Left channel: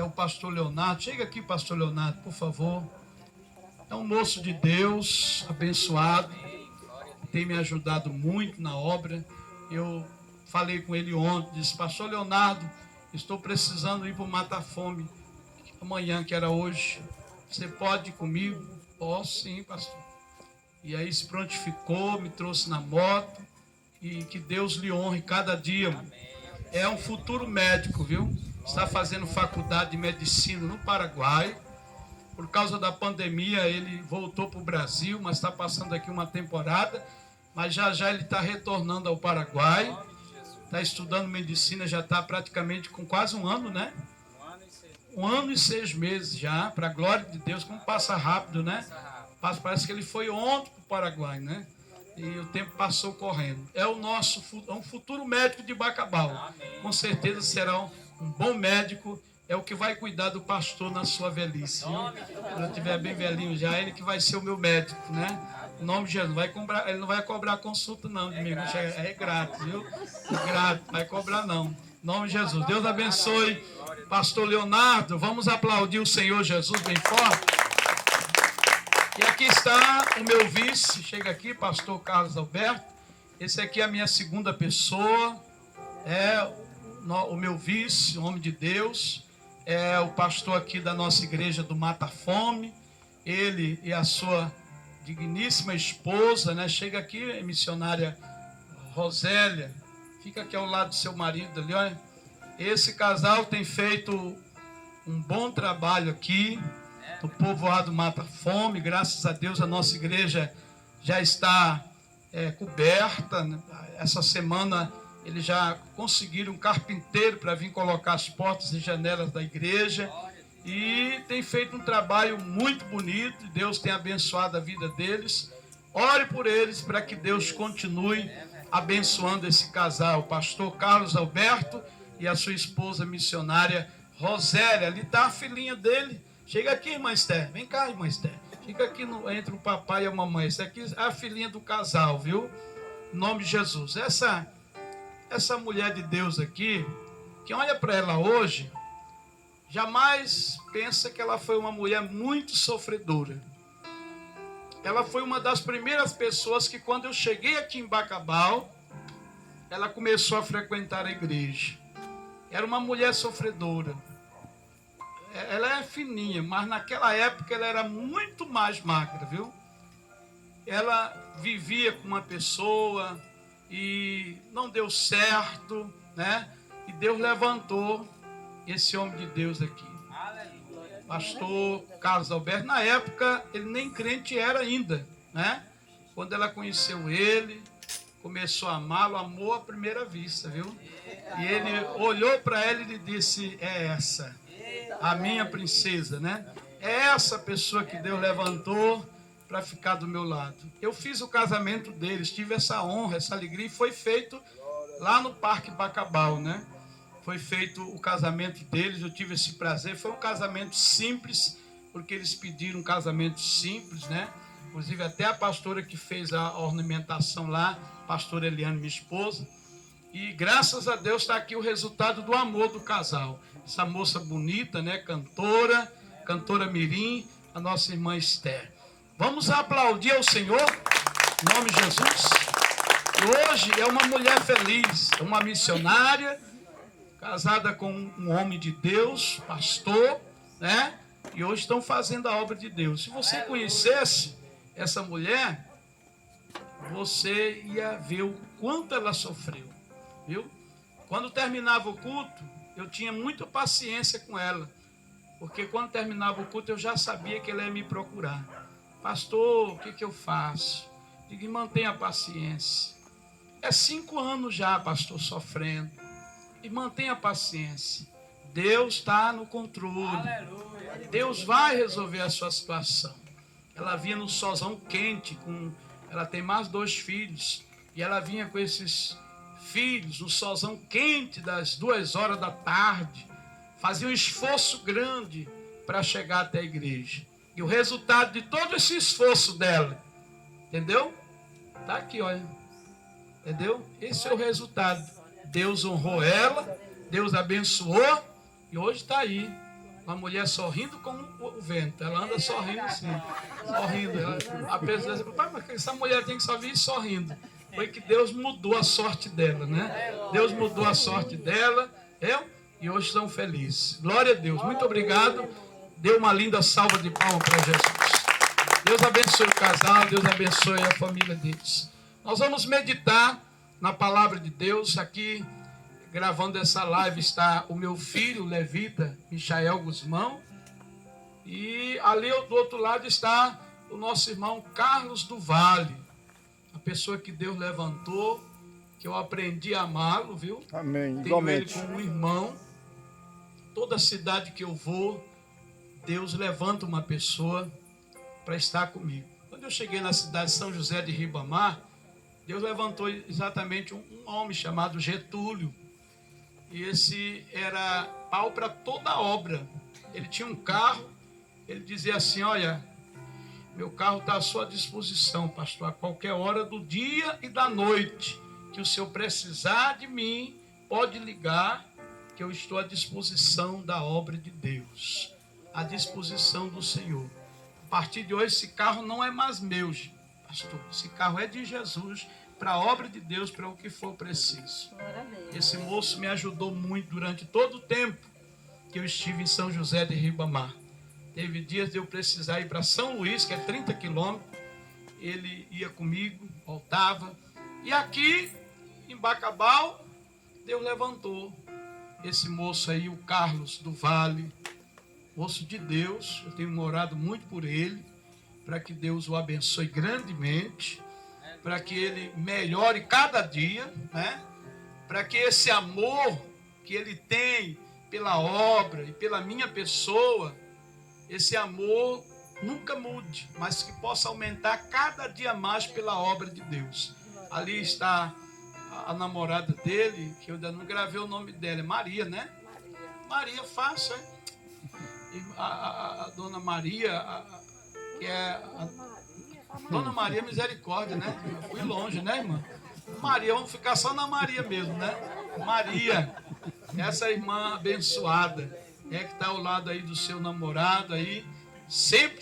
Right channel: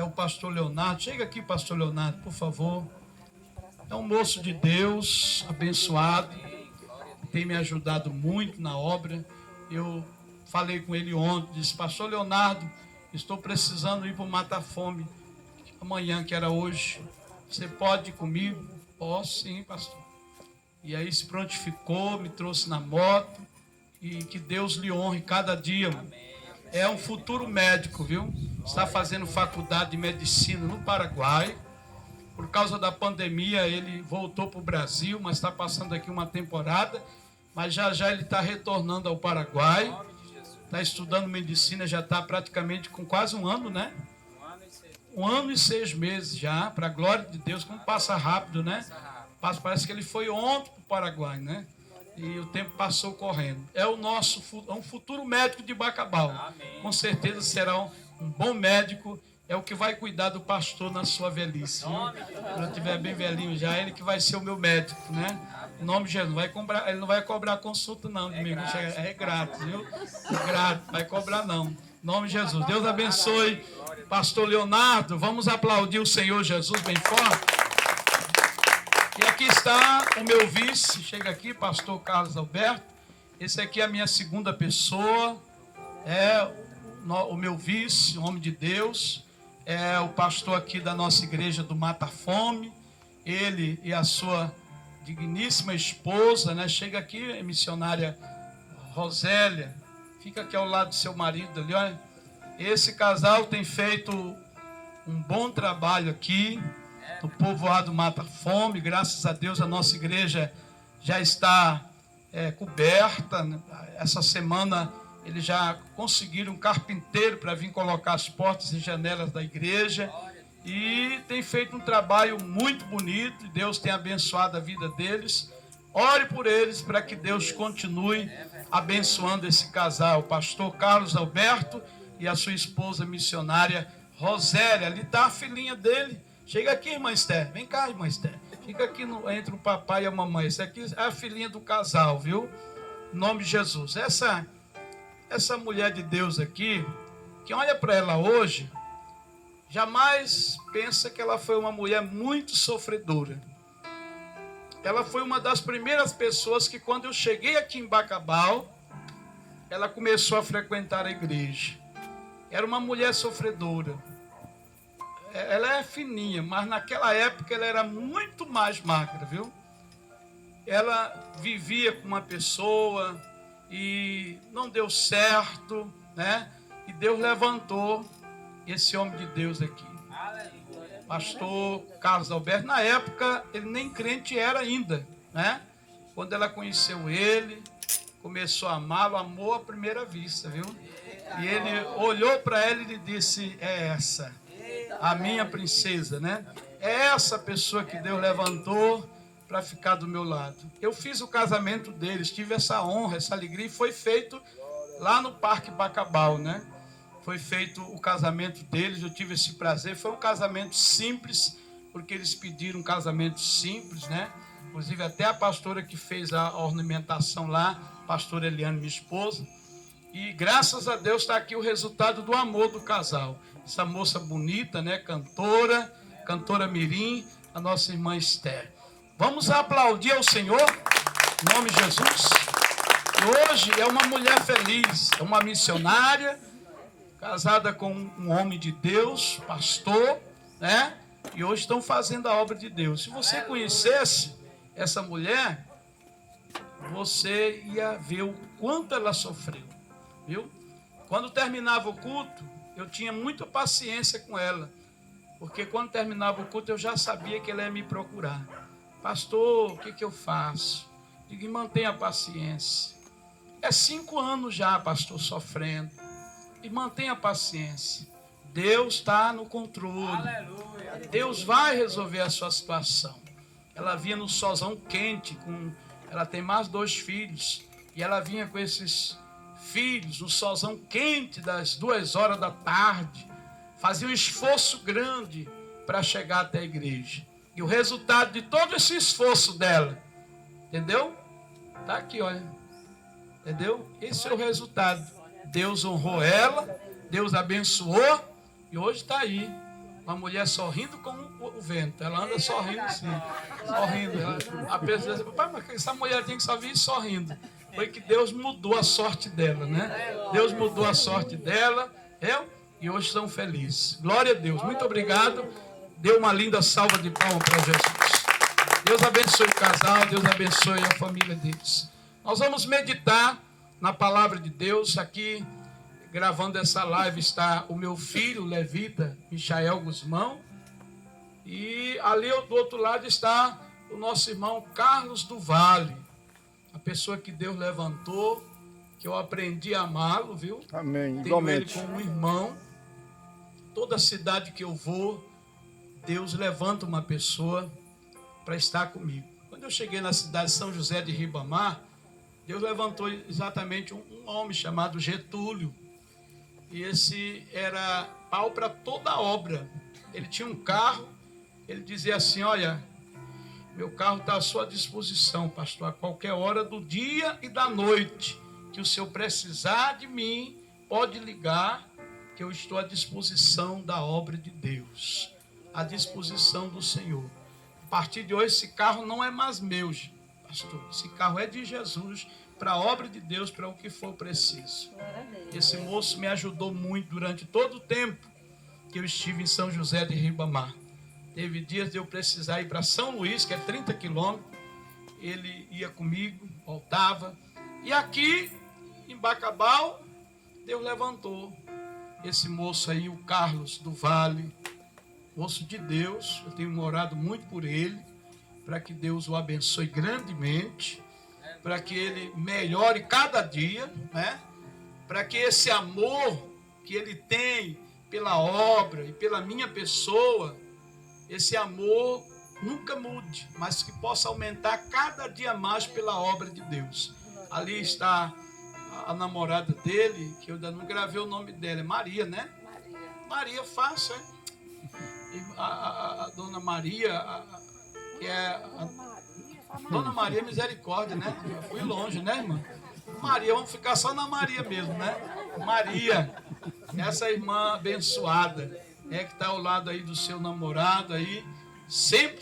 é o pastor Leonardo. Chega aqui, pastor Leonardo, por favor. É um moço de Deus, abençoado, tem me ajudado muito na obra. Eu falei com ele ontem, disse: pastor Leonardo, estou precisando ir para o Mata Fome amanhã, que era hoje. Você pode ir comigo? Posso sim, pastor. E aí se prontificou, me trouxe na moto, e que Deus lhe honre cada dia. É um futuro médico, viu? Está fazendo faculdade de medicina no Paraguai. Por causa da pandemia, ele voltou para o Brasil, mas está passando aqui uma temporada. Mas já já ele está retornando ao Paraguai. Está estudando medicina, já está praticamente com quase um ano, né? 1 ano e 6 meses já, para a glória de Deus. Como passa rápido, né? Parece que ele foi ontem para o Paraguai, né? E o tempo passou correndo. É um futuro médico de Bacabal. Com certeza será um bom médico. É o que vai cuidar do pastor na sua velhice. Quando eu estiver bem velhinho já, ele que vai ser o meu médico, né? Em nome de Jesus. Ele não vai cobrar consulta, não, de mim. É grátis, viu? É grátis, não vai cobrar, não. Em nome de Jesus. Deus abençoe. Pastor Leonardo, vamos aplaudir o Senhor Jesus bem forte. E aqui está o meu vice. Chega aqui, pastor Carlos Alberto. Esse aqui é a minha segunda pessoa. É o meu vice, homem de Deus. É o pastor aqui da nossa igreja do Mata Fome. Ele e a sua digníssima esposa, né? Chega aqui, missionária Rosélia. Fica aqui ao lado do seu marido ali, olha. Esse casal tem feito um bom trabalho aqui no povoado Mata Fome. Graças a Deus a nossa igreja já está coberta. Essa semana eles já conseguiram um carpinteiro para vir colocar as portas e janelas da igreja. E tem feito um trabalho muito bonito. Deus tem abençoado a vida deles. Ore por eles para que Deus continue abençoando esse casal. O pastor Carlos Alberto e a sua esposa missionária Rosélia. Ali está a filhinha dele. Chega aqui, irmã Esther. Vem cá, irmã Esther. Fica aqui entre o papai e a mamãe. Essa aqui é a filhinha do casal, viu? Em nome de Jesus. Essa mulher de Deus aqui, quem olha para ela hoje, jamais pensa que ela foi uma mulher muito sofredora. Ela foi uma das primeiras pessoas que, quando eu cheguei aqui em Bacabal, ela começou a frequentar a igreja. Era uma mulher sofredora. Ela é fininha, mas naquela época ela era muito mais magra, viu? Ela vivia com uma pessoa e não deu certo, né? E Deus levantou esse homem de Deus aqui. Pastor Carlos Alberto, na época ele nem crente era ainda, né? Quando ela conheceu ele, começou a amá-lo, amou à primeira vista, viu? E ele olhou para ela e disse: é essa, a minha princesa, né? É essa pessoa que Deus levantou para ficar do meu lado. Eu fiz o casamento deles, tive essa honra, essa alegria, e foi feito lá no Parque Bacabal, né? Foi feito o casamento deles, eu tive esse prazer. Foi um casamento simples, porque eles pediram um casamento simples, né? Inclusive até a pastora que fez a ornamentação lá, a pastora Eliane, minha esposa. E graças a Deus está aqui o resultado do amor do casal. Essa moça bonita, né? Cantora mirim, a nossa irmã Esther. Vamos aplaudir ao Senhor, em nome de Jesus. E hoje é uma mulher feliz, é uma missionária, casada com um homem de Deus, pastor, né? E hoje estão fazendo a obra de Deus. Se você conhecesse essa mulher, você ia ver o quanto ela sofreu, viu? Quando terminava o culto, eu tinha muita paciência com ela, porque quando terminava o culto eu já sabia que ela ia me procurar. Pastor, o que eu faço? Digo: mantenha a paciência. É 5 anos já, pastor, sofrendo. E mantenha a paciência. Deus está no controle. Aleluia. Deus vai resolver a sua situação. Ela vinha no solzão quente, ela tem mais 2 filhos. E ela vinha com esses filhos no solzão quente das 2 horas da tarde. Fazia um esforço grande para chegar até a igreja. E o resultado de todo esse esforço dela, entendeu? Está aqui, olha. Entendeu? Esse é o resultado. Deus honrou ela, Deus abençoou, e hoje está aí, Uma mulher sorrindo como o vento. Ela anda sorrindo assim. Sorrindo. A pessoa diz, pai, mas essa mulher tem que só vir sorrindo. Foi que Deus mudou a sorte dela, né? Deus mudou a sorte dela. E hoje estão felizes. Glória a Deus. Muito obrigado. Dê uma linda salva de palmas para Jesus. Deus abençoe o casal. Deus abençoe a família deles. Nós vamos meditar na palavra de Deus. Aqui, gravando essa live, está o meu filho, levita, Michael Guzmão. E ali do outro lado está o nosso irmão Carlos do Vale. A pessoa que Deus levantou, que eu aprendi a amá-lo, viu? Amém. Tenho Igualmente. ele como um irmão. Toda cidade que eu vou, Deus levanta uma pessoa para estar comigo. Quando eu cheguei na cidade de São José de Ribamar, Deus levantou exatamente um homem chamado Getúlio. E esse era pau para toda a obra. Ele tinha um carro, ele dizia assim, olha, meu carro está à sua disposição, pastor, a qualquer hora do dia e da noite, que o senhor precisar de mim, pode ligar, que eu estou à disposição da obra de Deus, à disposição do Senhor. A partir de hoje, esse carro não é mais meu, pastor, esse carro é de Jesus, para a obra de Deus, para o que for preciso. Esse moço me ajudou muito durante todo o tempo que eu estive em São José de Ribamar. Teve dias de eu precisar ir para São Luís, que é 30 quilômetros. Ele ia comigo, voltava. E aqui, em Bacabal, Deus levantou esse moço aí, o Carlos do Vale, moço de Deus. Eu tenho orado muito por ele, para que Deus o abençoe grandemente, para que ele melhore cada dia, né? Para que esse amor que ele tem pela obra e pela minha pessoa, esse amor nunca mude, mas que possa aumentar cada dia mais pela obra de Deus. Ali está a namorada dele, que eu ainda não gravei o nome dela, é Maria, né? Maria, fácil, é? A dona Maria, que é Dona Maria Misericórdia, né? Eu fui longe, né, irmã? Maria, vamos ficar só na Maria mesmo, né? Maria, essa irmã abençoada, que está ao lado aí do seu namorado aí, sempre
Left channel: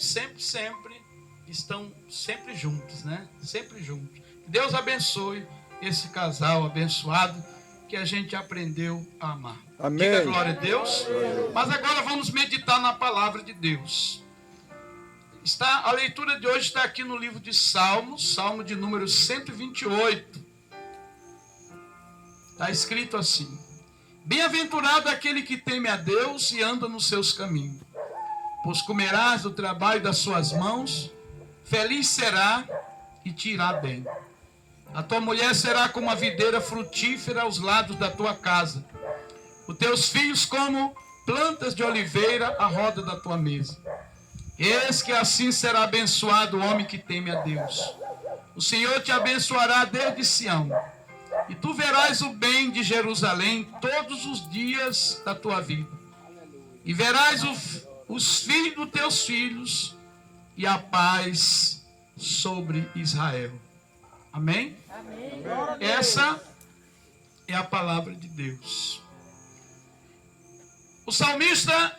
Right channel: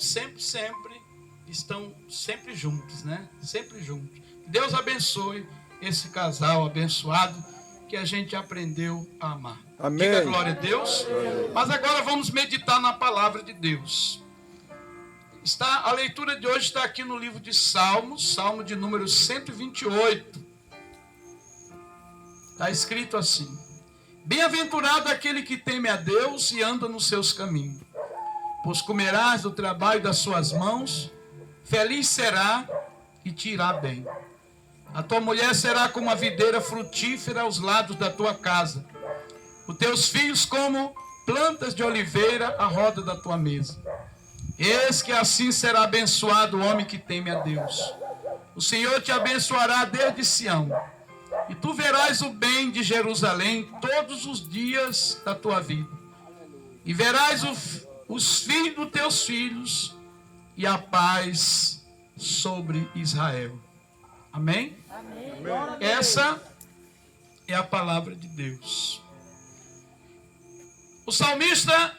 estão sempre juntos, né? Sempre juntos. Deus abençoe esse casal abençoado que a gente aprendeu a amar. Amém. Diga glória a Deus. Mas agora vamos meditar na palavra de Deus. A leitura de hoje está aqui no livro de Salmos, Salmo de número 128. Está escrito assim: bem-aventurado aquele que teme a Deus e anda nos seus caminhos, pois comerás do trabalho das suas mãos, feliz será e te irá bem. A tua mulher será como a videira frutífera aos lados da tua casa, os teus filhos como plantas de oliveira à roda da tua mesa. Eis que assim será abençoado o homem que teme a Deus. O Senhor te abençoará desde Sião, e tu verás o bem de Jerusalém todos os dias da tua vida. E verás os filhos dos teus filhos e a paz sobre Israel. Amém? Amém. Essa é a palavra de Deus. O salmista,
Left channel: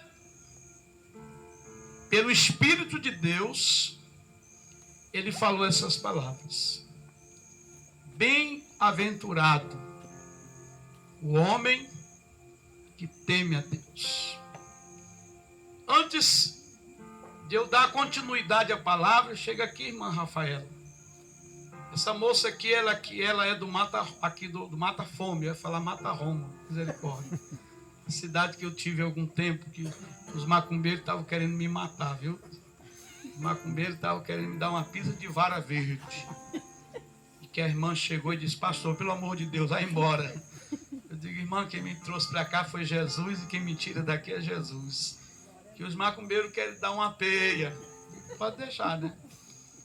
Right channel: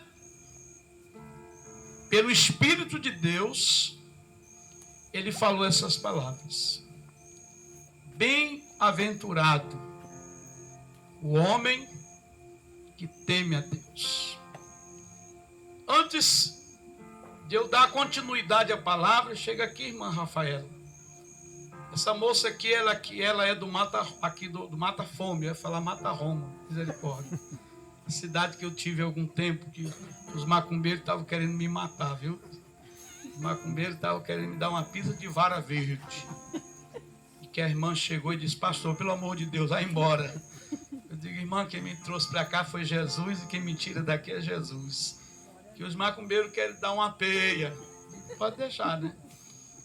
pelo Espírito de Deus, ele falou essas palavras. Bem-aventurado o homem que teme a Deus. Antes de eu dar continuidade à palavra, chega aqui, irmã Rafaela. Essa moça aqui, ela é do Mata Fome, eu ia falar Mata Roma, misericórdia. A cidade que eu tive há algum tempo, que os macumbeiros estavam querendo me matar, viu? Os macumbeiros estavam querendo me dar uma pisa de vara verde. E que a irmã chegou e disse: pastor, pelo amor de Deus, vai embora. Eu digo: irmã, quem me trouxe para cá foi Jesus, e quem me tira daqui é Jesus. Que os macumbeiros querem dar uma peia. Pode deixar, né?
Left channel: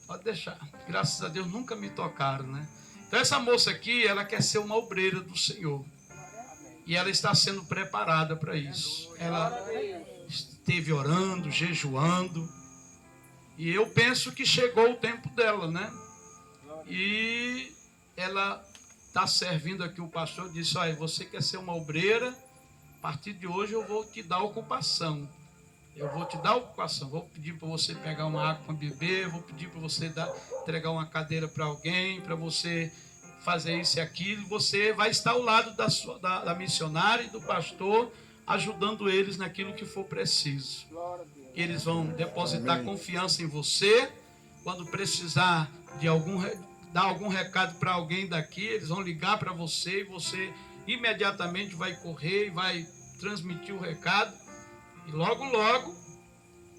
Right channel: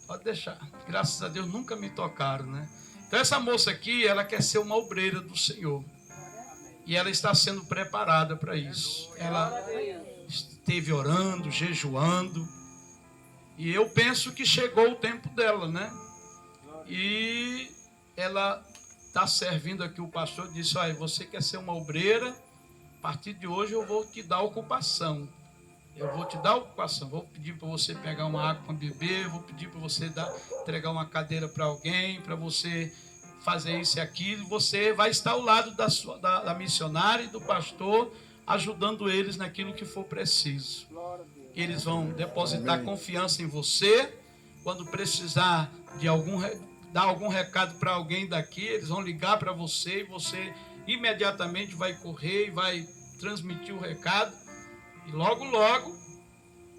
Pode deixar. Graças a Deus nunca me tocaram, né? Então essa moça aqui, ela quer ser uma obreira do Senhor. E ela está sendo preparada para isso. Ela esteve orando, jejuando. E eu penso que chegou o tempo dela, né? E ela está servindo aqui. O pastor disse: olha, você quer ser uma obreira? A partir de hoje eu vou te dar ocupação. Eu vou te dar a ocupação, vou pedir para você pegar uma água para beber, vou pedir para você entregar uma cadeira para alguém, para você fazer isso e aquilo. Você vai estar ao lado da missionária e do pastor, ajudando eles naquilo que for preciso. Eles vão depositar confiança em você. Quando precisar de dar algum recado para alguém daqui, eles vão ligar para você e você imediatamente vai correr e vai transmitir o recado. E logo, logo,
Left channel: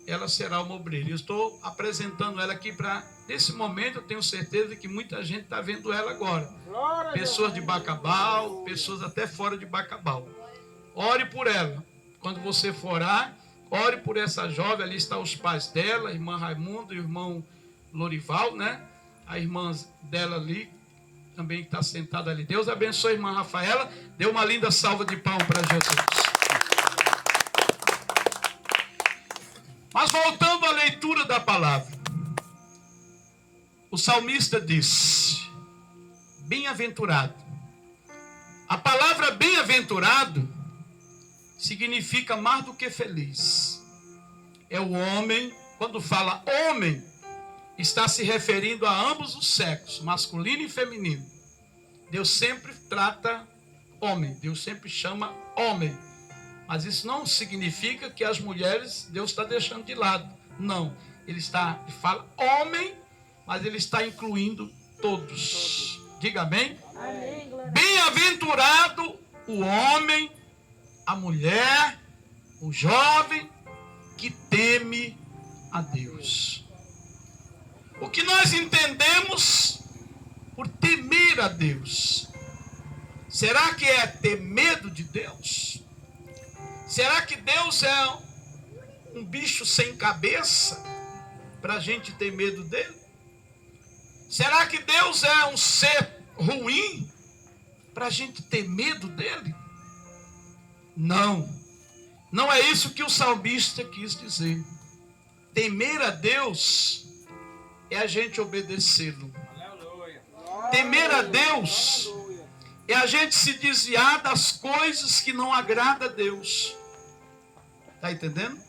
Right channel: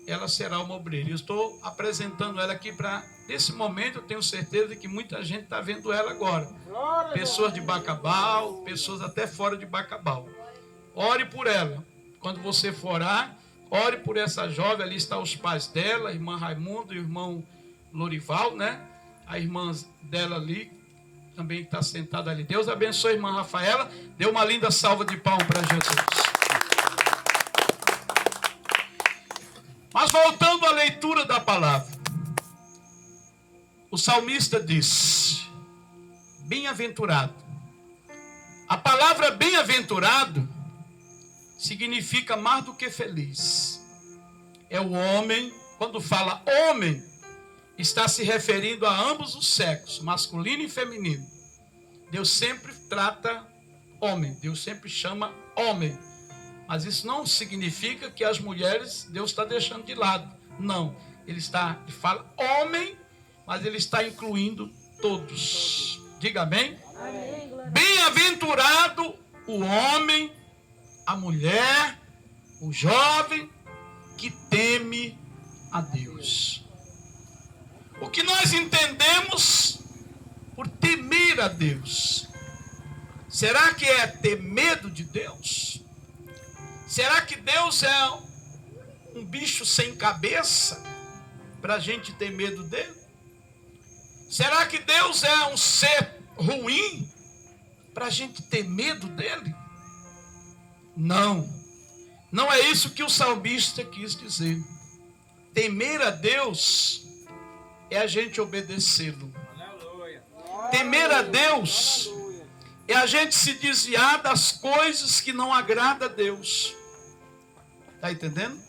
ela será uma obreira. Eu estou apresentando ela aqui para... Nesse momento, eu tenho certeza que muita gente está vendo ela agora. Pessoas de Bacabal, pessoas até fora de Bacabal. Ore por ela. Quando você for orar, ore por essa jovem. Ali estão os pais dela, a irmã Raimundo e o irmão Lorival, né? A irmã dela ali, também está sentada ali. Deus abençoe a irmã Rafaela. Dê uma linda salva de palmas para Jesus. Mas voltando à leitura da palavra, o salmista diz: bem-aventurado. A palavra bem-aventurado significa mais do que feliz. É o homem, quando fala homem, está se referindo a ambos os sexos, masculino e feminino. Deus sempre trata homem, Deus sempre chama homem. Mas isso não significa que as mulheres Deus está deixando de lado. Não. Ele fala homem, mas ele está incluindo todos. Diga amém. Bem-aventurado o homem, a mulher, o jovem que teme a Deus. O que nós entendemos por temer a Deus? Será que é ter medo de Deus? Será que Deus é um bicho sem cabeça para a gente ter medo dele? Será que Deus é um ser ruim para a gente ter medo dele? Não. Não é isso que o salmista quis dizer. Temer a Deus é a gente obedecê-lo. Temer a Deus é a gente se desviar das coisas que não agradam a Deus. Está entendendo?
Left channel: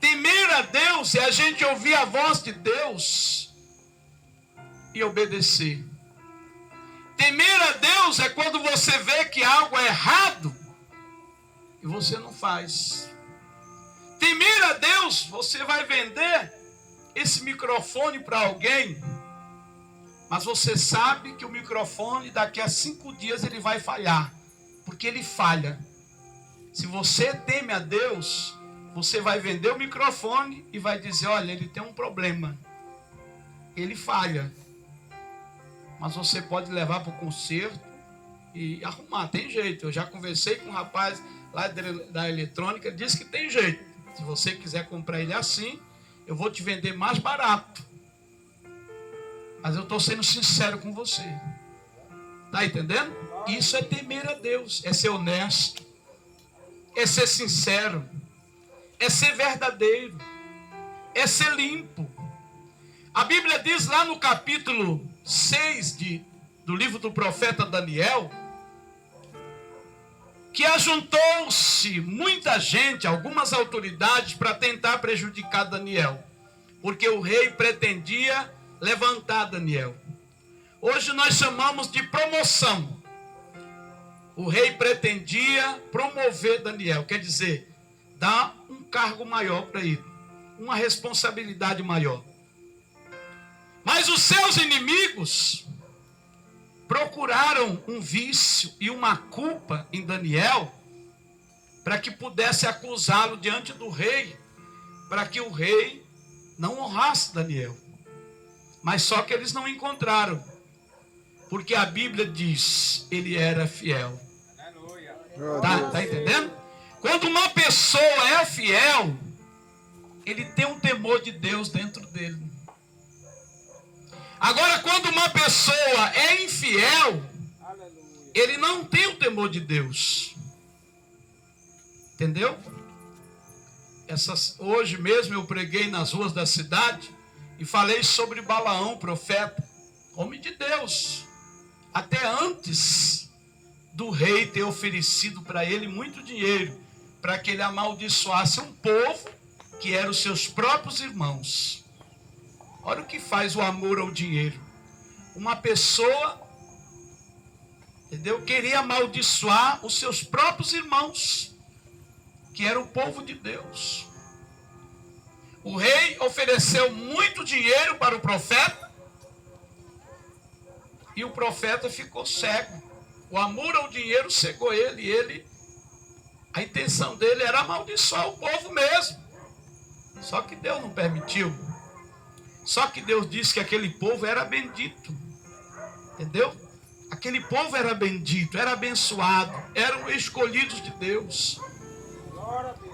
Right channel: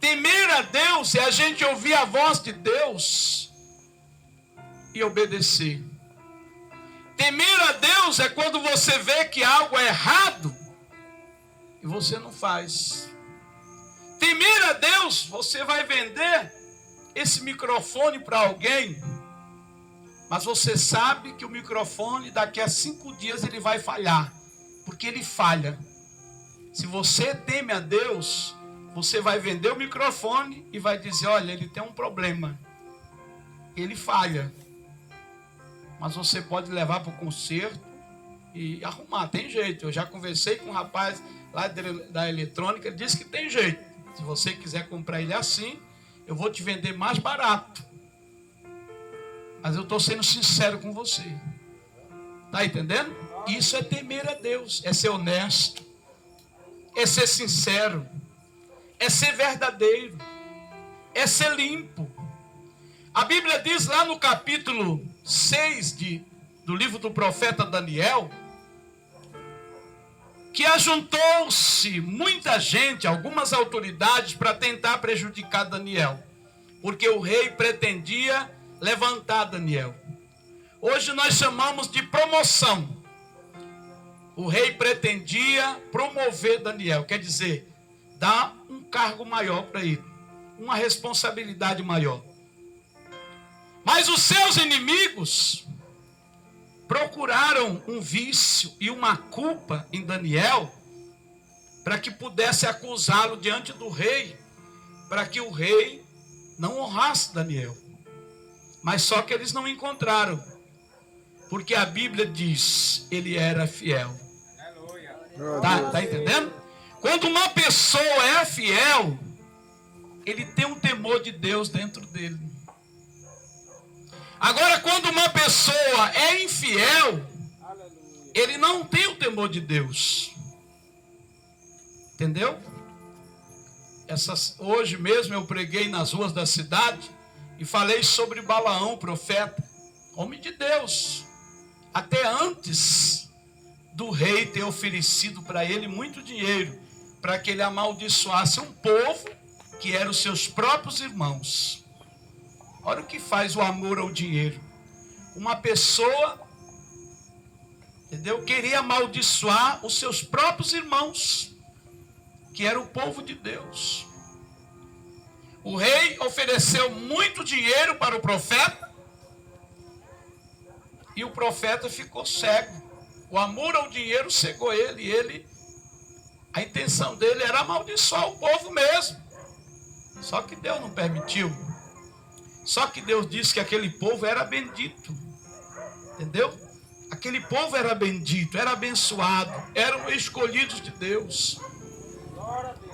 Temer a Deus é a gente ouvir a voz de Deus e obedecer. Temer a Deus é quando você vê que algo é errado e você não faz. Temer a Deus, você vai vender esse microfone para alguém, mas você sabe que o microfone daqui a 5 dias ele vai falhar, porque ele falha. Se você teme a Deus, você vai vender o microfone e vai dizer: olha, ele tem um problema, ele falha, mas você pode levar para o conserto e arrumar, tem jeito. Eu já conversei com um rapaz lá da eletrônica, ele disse que tem jeito. Se você quiser comprar ele assim, eu vou te vender mais barato. Mas eu estou sendo sincero com você. Está entendendo? Isso é temer a Deus, é ser honesto, é ser sincero, é ser verdadeiro, é ser limpo. A Bíblia diz lá no capítulo 6 do livro do profeta Daniel, que ajuntou-se muita gente, algumas autoridades, para tentar prejudicar Daniel, porque o rei pretendia levantar Daniel. Hoje nós chamamos de promoção. O rei pretendia promover Daniel, quer dizer, dar um cargo maior para ele, uma responsabilidade maior. Mas os seus inimigos procuraram um vício e uma culpa em Daniel para que pudesse acusá-lo diante do rei, para que o rei não honrasse Daniel. Mas só que eles não encontraram, porque a Bíblia diz: ele era fiel. Tá entendendo? Quando uma pessoa é fiel, ele tem um temor de Deus dentro dele. Agora, quando uma pessoa é infiel, ele não tem o temor de Deus. Entendeu? Hoje mesmo eu preguei nas ruas da cidade e falei sobre Balaão, profeta, homem de Deus. Até antes do rei ter oferecido para ele muito dinheiro, para que ele amaldiçoasse um povo que eram os seus próprios irmãos. Olha o que faz o amor ao dinheiro. Uma pessoa, entendeu? Queria amaldiçoar os seus próprios irmãos, que era o povo de Deus. O rei ofereceu muito dinheiro para o profeta e o profeta ficou cego. O amor ao dinheiro cegou ele. A intenção dele era amaldiçoar o povo mesmo. Só que Deus não permitiu. Só que Deus disse que aquele povo era bendito. Entendeu? Aquele povo era bendito, era abençoado, eram escolhidos de Deus.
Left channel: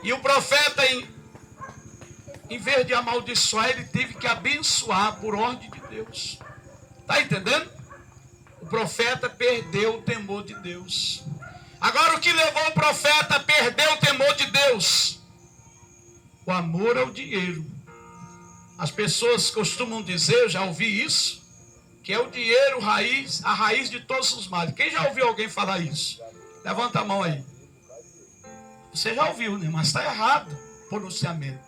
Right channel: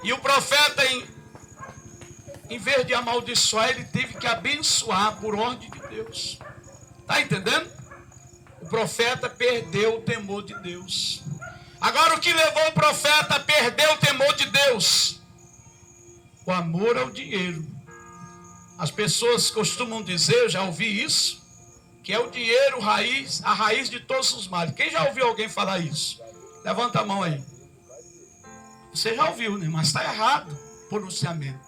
E o profeta, em vez de amaldiçoar, ele teve que abençoar por ordem de Deus. Está entendendo? O profeta perdeu o temor de Deus. Agora, o que levou o profeta a perder o temor de Deus? O amor ao dinheiro. As pessoas costumam dizer, eu já ouvi isso, que é o dinheiro a raiz de todos os males. Quem já ouviu alguém falar isso? Levanta a mão aí. Você já ouviu, né? Mas está errado o pronunciamento.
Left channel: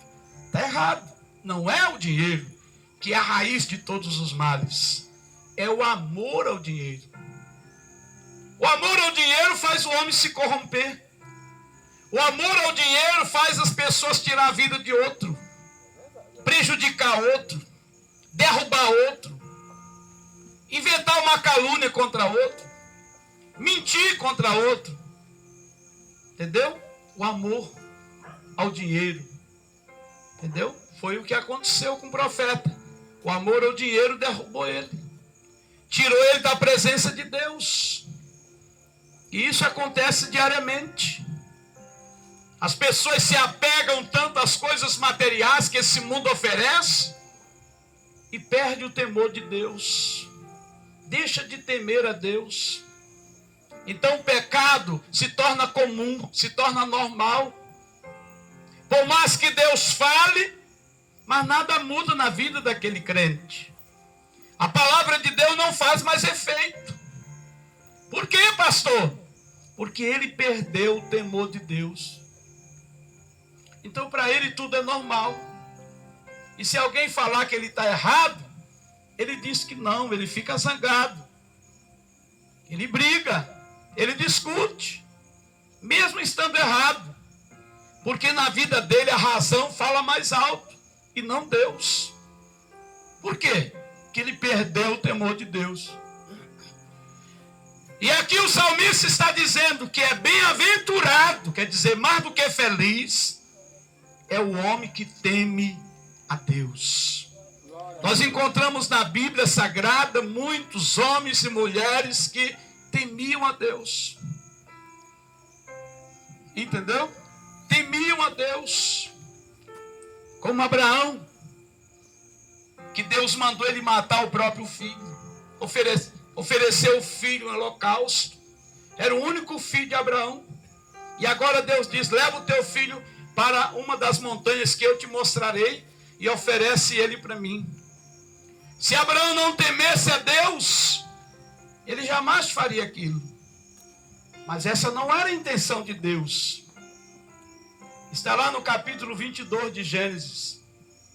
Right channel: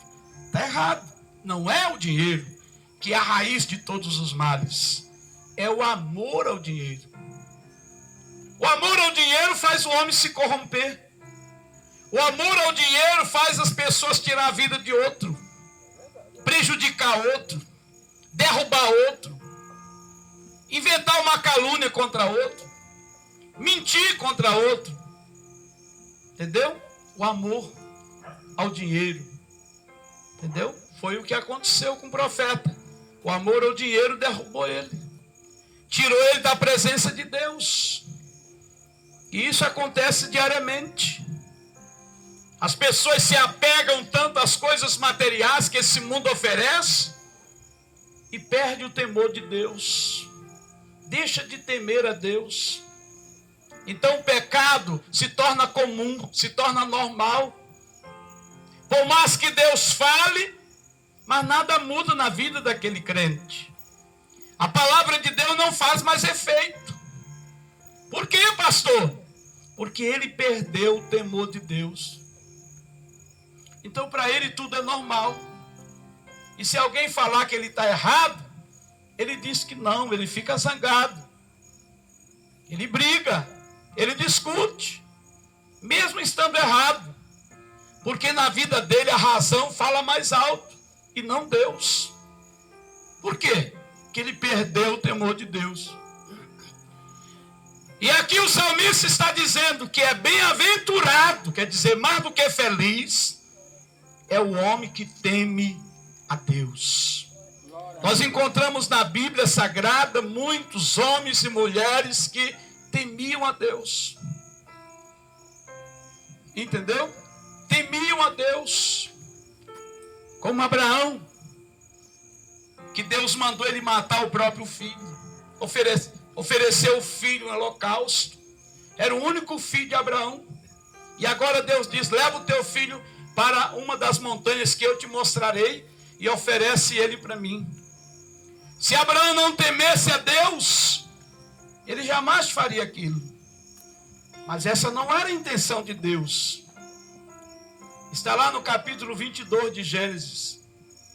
Está errado. Não é o dinheiro que é a raiz de todos os males. É o amor ao dinheiro. O amor ao dinheiro faz o homem se corromper. O amor ao dinheiro faz as pessoas tirar a vida de outro, prejudicar outro, derrubar outro, inventar uma calúnia contra outro, mentir contra outro. Entendeu? O amor ao dinheiro. Entendeu? Foi o que aconteceu com o profeta. O amor ao dinheiro derrubou ele. Tirou ele da presença de Deus. E isso acontece diariamente. As pessoas se apegam tanto às coisas materiais que esse mundo oferece e perde o temor de Deus. Deixa de temer a Deus. Então o pecado se torna comum, se torna normal. Por mais que Deus fale, mas nada muda na vida daquele crente. A palavra de Deus não faz mais efeito. Por quê, pastor? Porque ele perdeu o temor de Deus. Então para ele tudo é normal. E se alguém falar que ele está errado, ele diz que não, ele fica zangado. Ele briga, ele discute, mesmo estando errado. Porque na vida dele a razão fala mais alto e não Deus. Por quê? Porque ele perdeu o temor de Deus. E aqui o salmista está dizendo que é bem-aventurado, quer dizer, mais do que feliz, é o homem que teme a Deus. Nós encontramos na Bíblia Sagrada muitos homens e mulheres que temiam a Deus. Entendeu? Temiam a Deus. Como Abraão, que Deus mandou ele matar o próprio filho. Ofereceu o filho em holocausto. Era o único filho de Abraão. E agora Deus diz, leva o teu filho para uma das montanhas que eu te mostrarei e oferece ele para mim. Se Abraão não temesse a Deus, ele jamais faria aquilo. Mas essa não era a intenção de Deus. Está lá no capítulo 22 de Gênesis.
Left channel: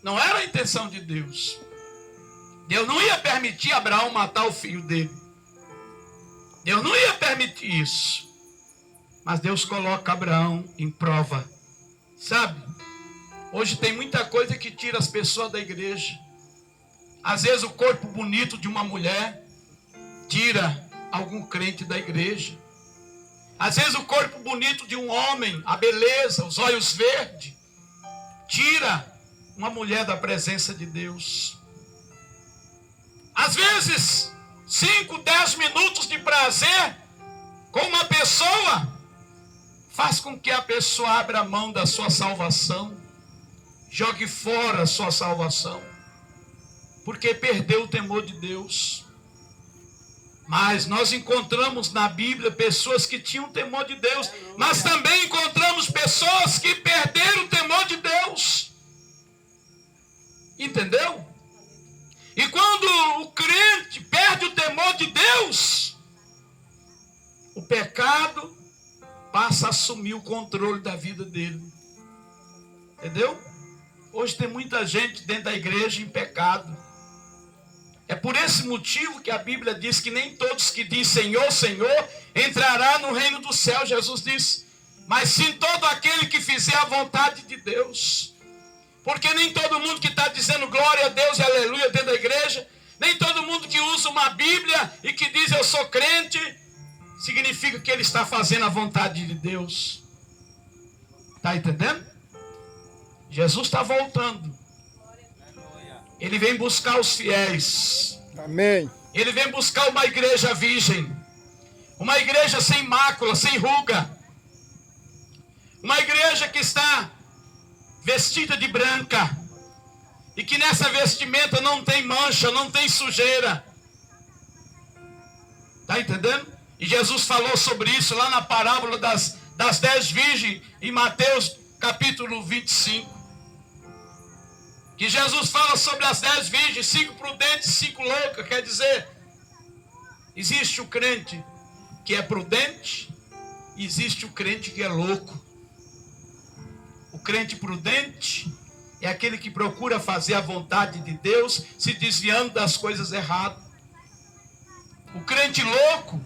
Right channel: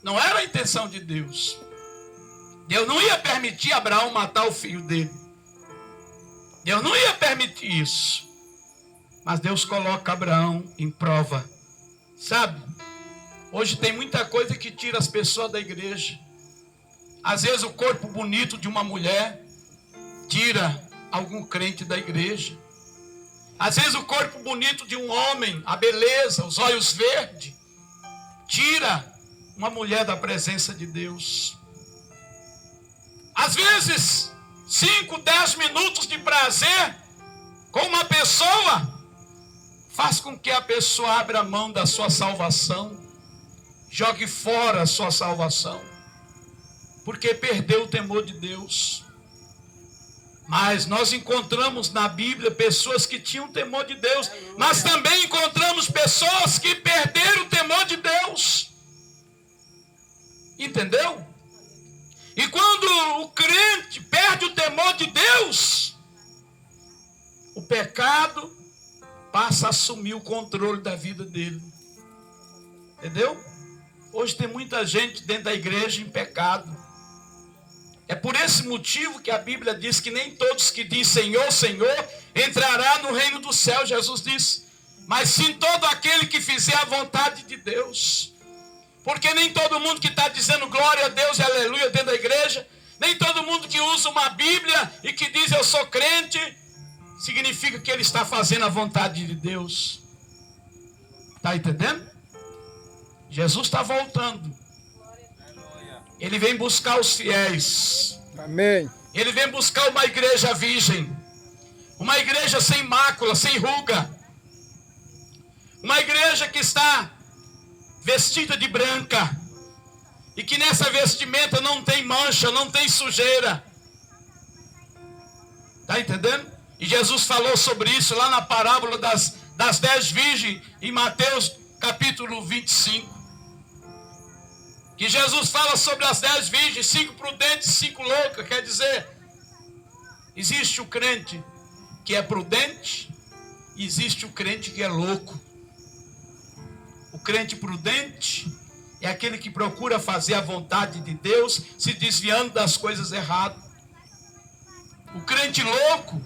Não era a intenção de Deus. Deus não ia permitir Abraão matar o filho dele. Deus não ia permitir isso. Mas Deus coloca Abraão em prova. Sabe? Hoje tem muita coisa que tira as pessoas da igreja. Às vezes o corpo bonito de uma mulher tira algum crente da igreja. Às vezes o corpo bonito de um homem, a beleza, os olhos verdes, tira uma mulher da presença de Deus. Às vezes, 5, 10 minutos de prazer com uma pessoa faz com que a pessoa abra a mão da sua salvação, jogue fora a sua salvação, porque perdeu o temor de Deus. Mas nós encontramos na Bíblia pessoas que tinham temor de Deus, mas também encontramos pessoas que perderam o temor de Deus. Entendeu? E quando o crente perde o temor de Deus, o pecado passa a assumir o controle da vida dele. Entendeu? Hoje tem muita gente dentro da igreja em pecado. É por esse motivo que a Bíblia diz que nem todos que dizem Senhor, Senhor, entrará no reino do céu. Jesus disse, mas sim todo aquele que fizer a vontade de Deus. Porque nem todo mundo que está dizendo glória a Deus e aleluia dentro da igreja, nem todo mundo que usa uma Bíblia e que diz eu sou crente, significa que ele está fazendo a vontade de Deus. Está entendendo? Jesus está voltando. Ele vem buscar os fiéis. Amém. Ele vem buscar uma igreja virgem. Uma igreja sem mácula, sem ruga. Uma igreja que está vestida de branca. E que nessa vestimenta não tem mancha, não tem sujeira. Está entendendo? E Jesus falou sobre isso lá na parábola das 10 virgens, em Mateus capítulo 25. Que Jesus fala sobre as 10 virgens, 5 prudentes, 5 loucas. Quer dizer, existe o crente que é prudente e existe o crente que é louco. O crente prudente é aquele que procura fazer a vontade de Deus, se desviando das coisas erradas. O crente louco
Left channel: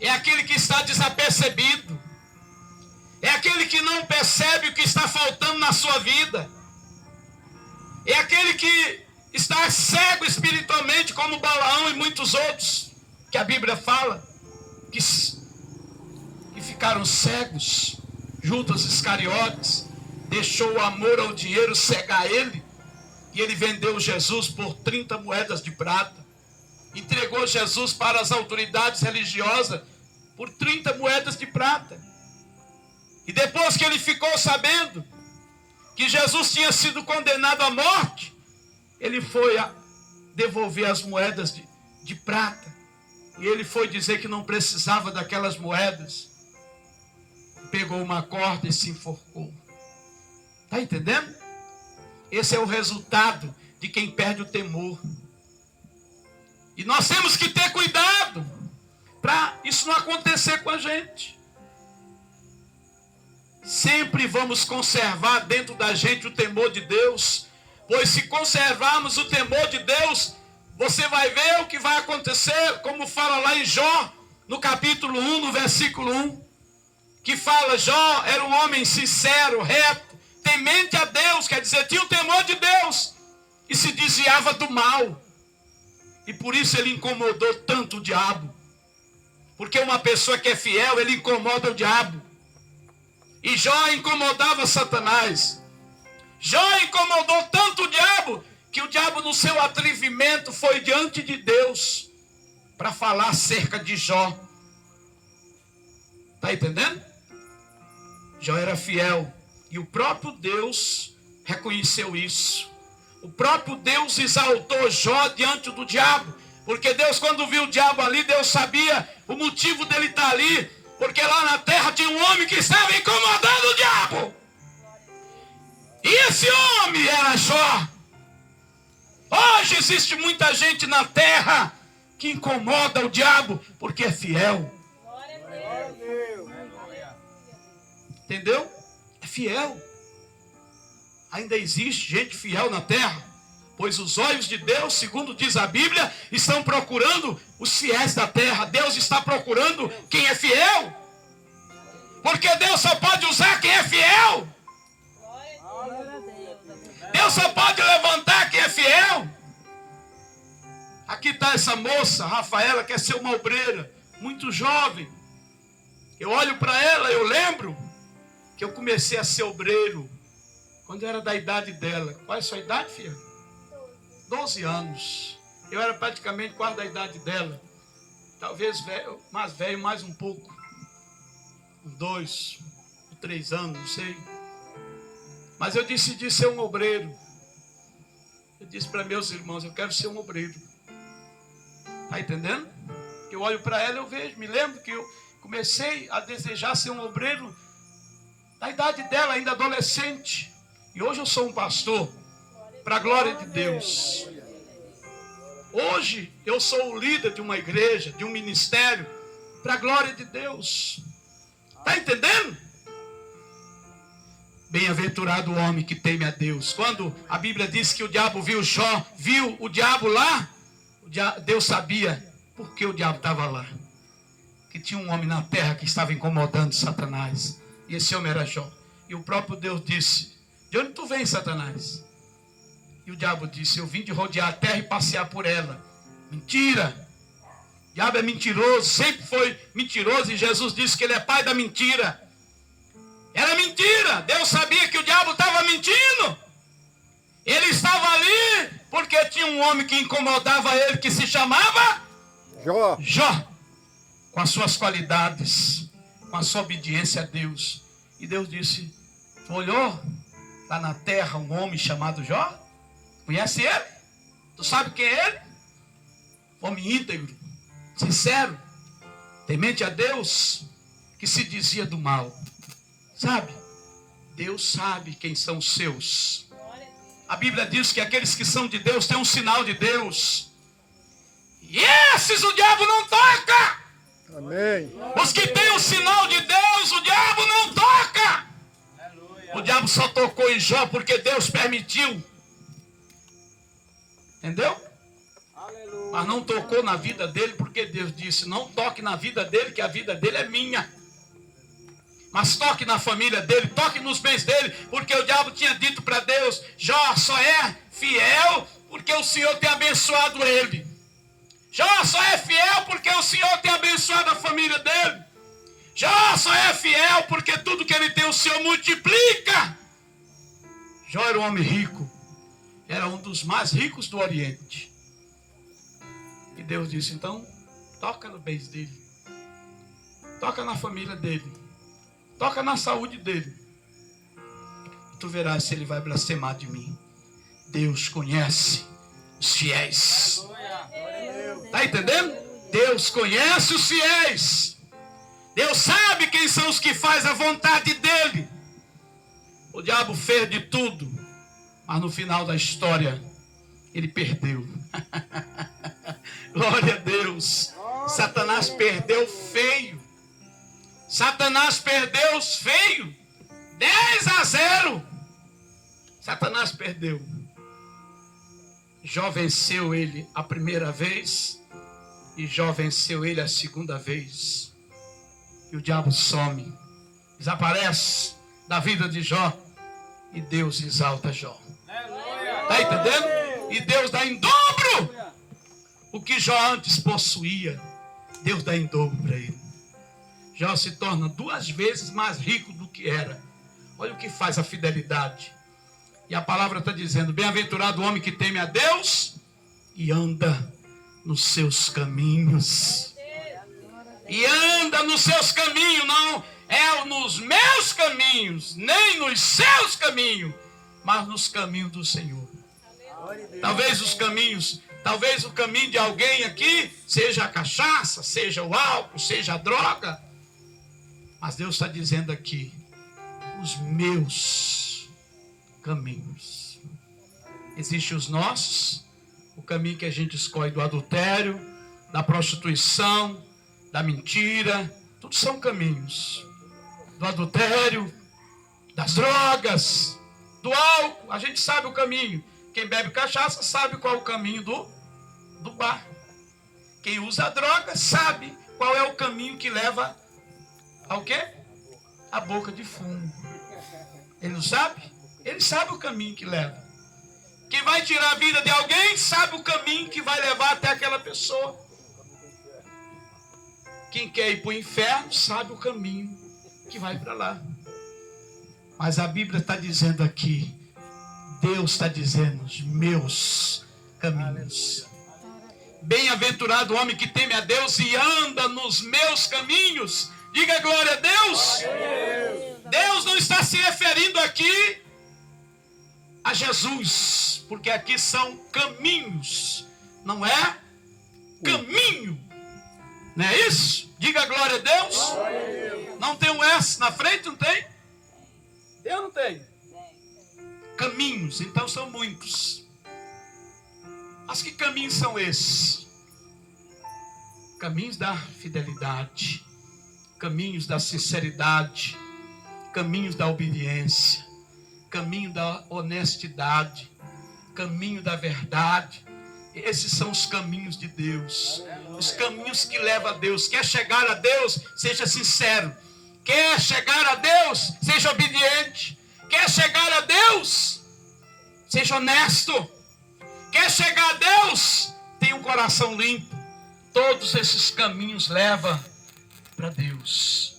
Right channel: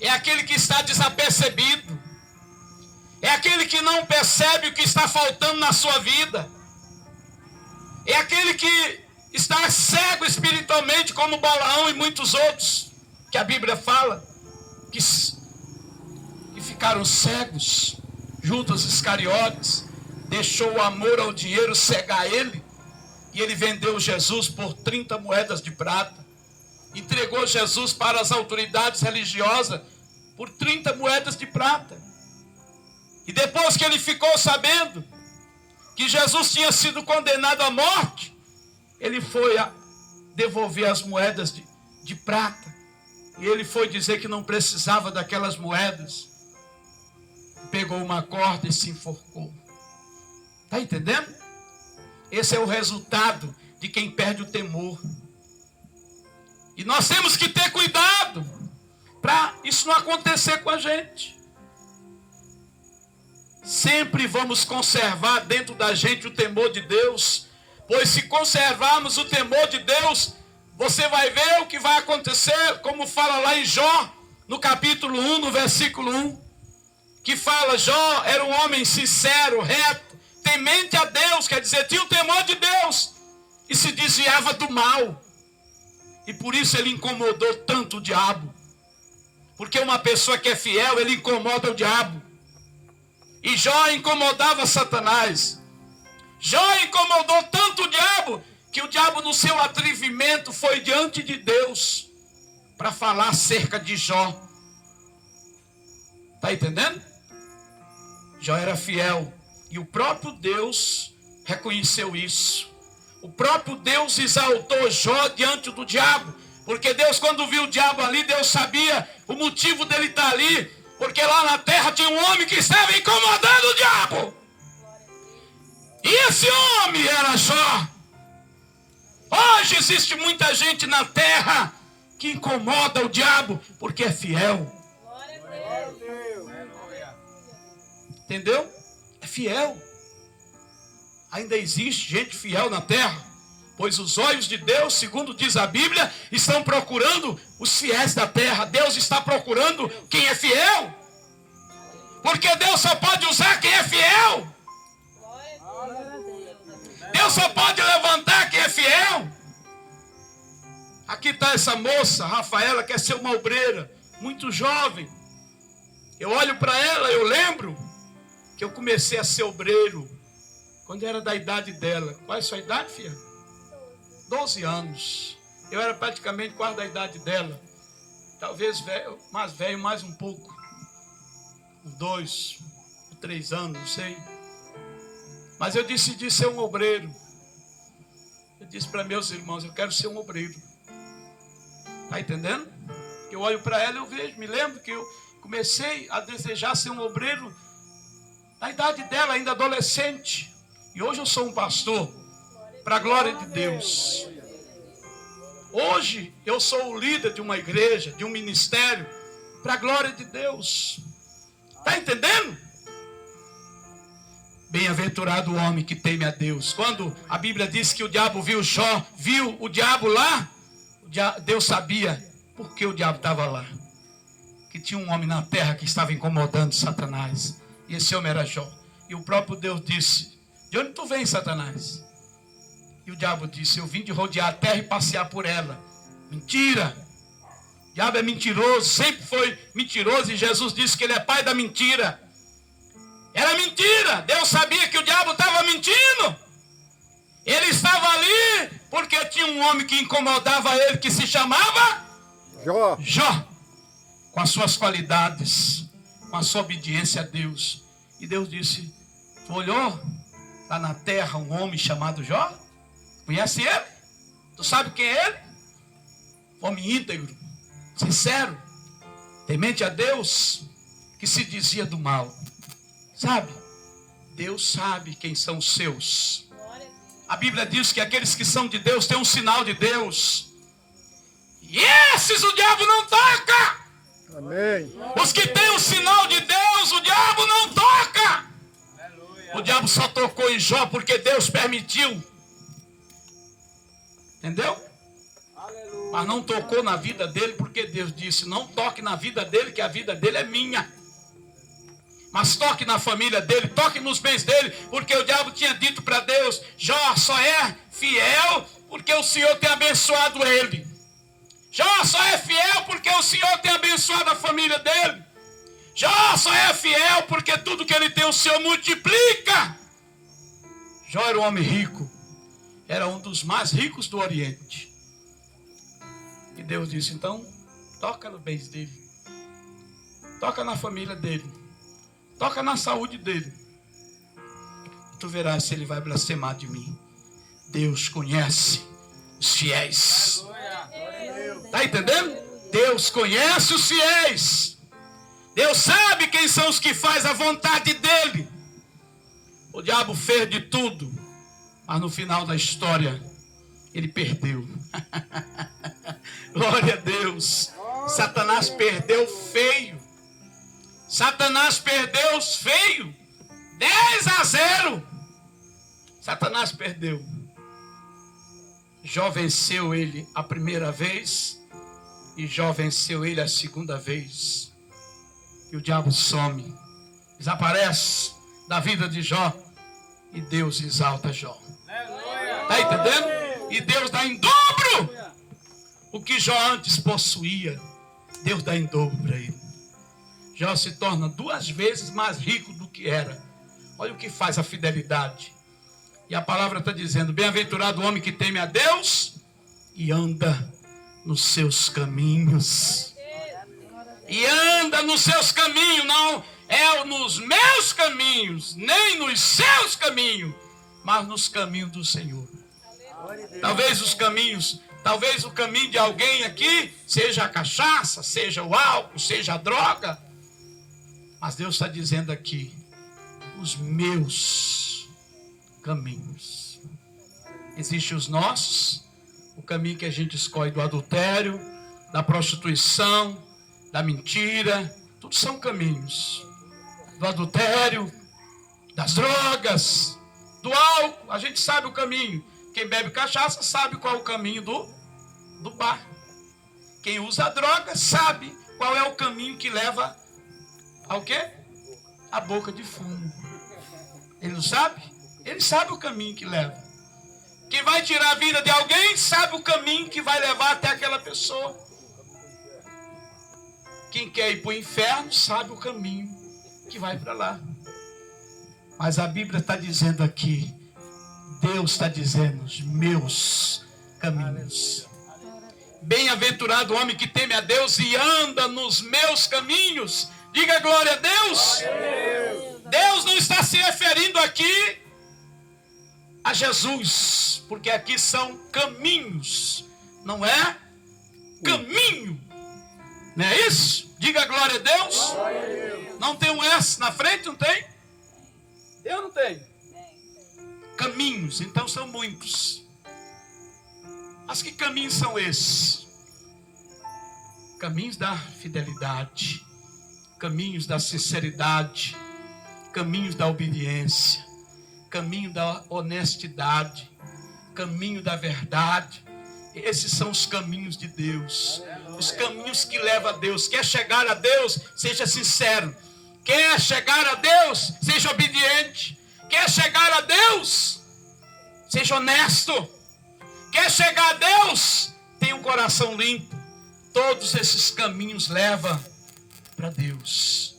é aquele que está desapercebido. É aquele que não percebe o que está faltando na sua vida. É aquele que está cego espiritualmente, como Balaão e muitos outros, que a Bíblia fala, que ficaram cegos. Judas Iscariotes deixou o amor ao dinheiro cegar ele, e ele vendeu Jesus por 30 moedas de prata. Entregou Jesus para as autoridades religiosas por 30 moedas de prata. E depois que ele ficou sabendo que Jesus tinha sido condenado à morte, ele foi devolver as moedas de prata. E ele foi dizer que não precisava daquelas moedas. Pegou uma corda e se enforcou. Está entendendo? Esse é o resultado de quem perde o temor. E nós temos que ter cuidado para isso não acontecer com a gente. Sempre vamos conservar dentro da gente o temor de Deus, pois se conservarmos o temor de Deus, você vai ver o que vai acontecer, como fala lá em Jó, no capítulo 1, no versículo 1, que fala, Jó era um homem sincero, reto, temente a Deus, quer dizer, tinha o temor de Deus, e se desviava do mal, e por isso ele incomodou tanto o diabo, porque uma pessoa que é fiel, ele incomoda o diabo. E Jó incomodava Satanás. Jó incomodou tanto o diabo, que o diabo no seu atrevimento foi diante de Deus para falar acerca de Jó. Está entendendo? Jó era fiel. E o próprio Deus reconheceu isso. O próprio Deus exaltou Jó diante do diabo. Porque Deus, quando viu o diabo ali, Deus sabia o motivo dele estar ali. Porque lá na terra tinha um homem que estava incomodando o diabo. E esse homem era Jó. Hoje existe muita gente na terra que incomoda o diabo porque é fiel. Entendeu? É fiel. Ainda existe gente fiel na terra. Pois os olhos de Deus, segundo diz a Bíblia, estão procurando os fiéis da terra. Deus está procurando quem é fiel. Porque Deus só pode usar quem é fiel. Deus só pode levantar quem é fiel. Aqui está essa moça, Rafaela, quer ser uma obreira, muito jovem. Eu olho para ela, eu lembro que eu comecei a ser obreiro quando eu era da idade dela. Qual é a sua idade, filha? 12 anos. Eu era praticamente quase da idade dela. Talvez velho, mais um pouco. 2, 3 anos, não sei. Mas eu decidi ser um obreiro. Eu disse para meus irmãos, eu quero ser um obreiro. Está entendendo? Eu olho para ela e eu vejo, me lembro que eu comecei a desejar ser um obreiro na idade dela, ainda adolescente. E hoje eu sou um pastor, para a glória de Deus. Hoje eu sou o líder de uma igreja, de um ministério, para a glória de Deus. Está entendendo? Bem-aventurado o homem que teme a Deus. Quando a Bíblia diz que o diabo viu Jó, viu o diabo lá, Deus sabia por que o diabo estava lá. Que tinha um homem na terra que estava incomodando Satanás. E esse homem era Jó. E o próprio Deus disse: de onde tu vens, Satanás? E o diabo disse: eu vim de rodear a terra e passear por ela. Mentira! O diabo é mentiroso, sempre foi mentiroso. E Jesus disse que ele é pai da mentira. Era mentira. Deus sabia que o diabo estava mentindo. Ele estava ali porque tinha um homem que incomodava ele, que se chamava Jó. Jó. Com as suas qualidades, com a sua obediência a Deus. E Deus disse: tu olhou? Está na terra um homem chamado Jó? Conhece ele? Tu sabe quem é ele? Homem íntegro, sincero, temente a Deus, que se dizia do mal. Sabe? Deus sabe quem são os seus. A Bíblia diz que aqueles que são de Deus têm um sinal de Deus. E esses o diabo não toca. Amém. Os que têm o sinal de Deus, o diabo não toca. O diabo só tocou em Jó porque Deus permitiu. Entendeu? Mas não tocou na vida dele porque Deus disse: não toque na vida dele, que a vida dele é minha. Mas toque na família dele, toque nos bens dele, porque o diabo tinha dito para Deus: Jó só é fiel porque o Senhor tem abençoado ele. Jó só é fiel porque o Senhor tem abençoado a família dele. Jó só é fiel porque tudo que ele tem o Senhor multiplica. Jó era um homem rico, era um dos mais ricos do Oriente. E Deus disse: então, toca nos bens dele, toca na família dele, toca na saúde dele. Tu verás se ele vai blasfemar de mim. Deus conhece os fiéis. Está entendendo? Deus conhece os fiéis. Deus sabe quem são os que fazem a vontade dele. O diabo fez de tudo, mas no final da história ele perdeu. Glória a Deus. Satanás perdeu feio. Satanás perdeu feio. 10-0. Satanás perdeu. Jó venceu ele a primeira vez e Jó venceu ele a segunda vez. E o diabo some, desaparece da vida de Jó e Deus exalta Jó. Está entendendo? E Deus dá em dobro o que Jó antes possuía. Deus dá em dobro para ele. Jó se torna 2 vezes mais rico do que era. Olha o que faz a fidelidade. E a palavra está dizendo: bem-aventurado o homem que teme a Deus e anda nos seus caminhos. E anda nos seus caminhos, não é nos meus caminhos, nem nos seus caminhos, mas nos caminhos do Senhor. Talvez o caminho de alguém aqui seja a cachaça, seja o álcool, seja a droga. Mas Deus está dizendo aqui: os meus caminhos. Existem os nossos, o caminho que a gente escolhe do adultério, da prostituição, da mentira, tudo são caminhos. Do adultério, das drogas, do álcool, a gente sabe o caminho. Quem bebe cachaça sabe qual é o caminho do bar. Quem usa a droga sabe qual é o caminho que leva ao quê? A boca de fumo. Ele não sabe? Ele sabe o caminho que leva. Quem vai tirar a vida de alguém sabe o caminho que vai levar até aquela pessoa. Quem quer ir para o inferno sabe o caminho que vai para lá. Mas a Bíblia está dizendo aqui, Deus está dizendo, os meus caminhos. Bem-aventurado o homem que teme a Deus e anda nos meus caminhos. Diga glória a Deus. Deus não está se referindo aqui a Jesus, porque aqui são caminhos, não é caminho, não é isso? Diga glória a Deus. Não tem um S na frente, não tem? Eu não tenho. Caminhos, então são muitos. Mas que caminhos são esses? Caminhos da fidelidade, caminhos da sinceridade, caminhos da obediência, caminho da honestidade, caminho da verdade. Esses são os caminhos de Deus, os caminhos que levam a Deus. Quer chegar a Deus? Seja sincero. Quer chegar a Deus? Seja obediente. Quer chegar a Deus? Seja honesto. Quer chegar a Deus? Tenha um coração limpo. Todos esses caminhos levam para Deus.